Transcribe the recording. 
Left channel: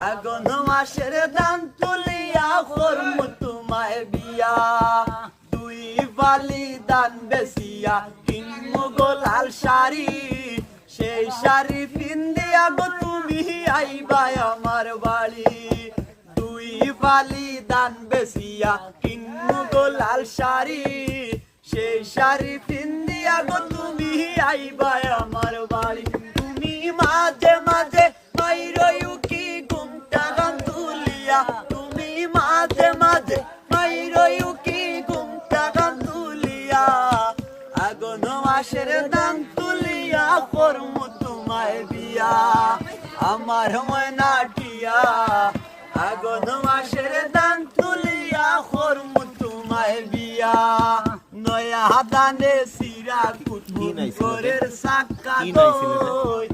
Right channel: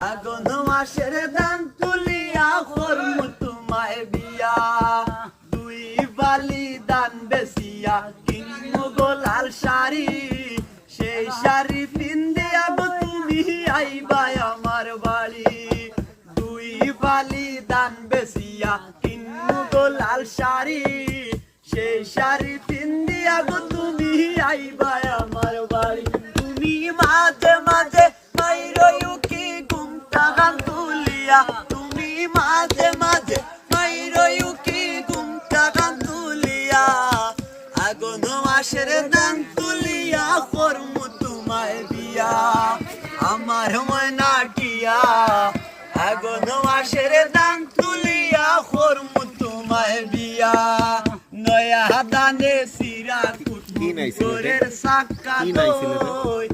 আগুন মাসের দান তুলিয়া করমু তোমায় বিয়া, দুই বালি দান বেসিয়া কিনমু গোলাল শাড়ি, সেই শাড়ি পিন্দিয়া গো তুমি আইবা আমার বাড়ি। দুই বালি দান বেসিয়া কিনমু গোলাল শাড়ি, সেই শাড়ি পিন্দিয়া গো তুমি আইবা আমার বাড়ি। তুমি মাঝে মাঝে মাইরয়ু কি ঘুমটা গান তুলিয়া, তুমি মাঝে মাঝে মাইরয়ু কি ঘুমটা গান তুলিয়া, আগুন মাসের দান তুলিয়া করমু তোমায় বিয়া, আমার ময়না টিয়া। আগুন মাসের দান তুলিয়া করমু তোমায় বিয়া, নয়া দানে সিরা কুতুরের সাক্কা দই,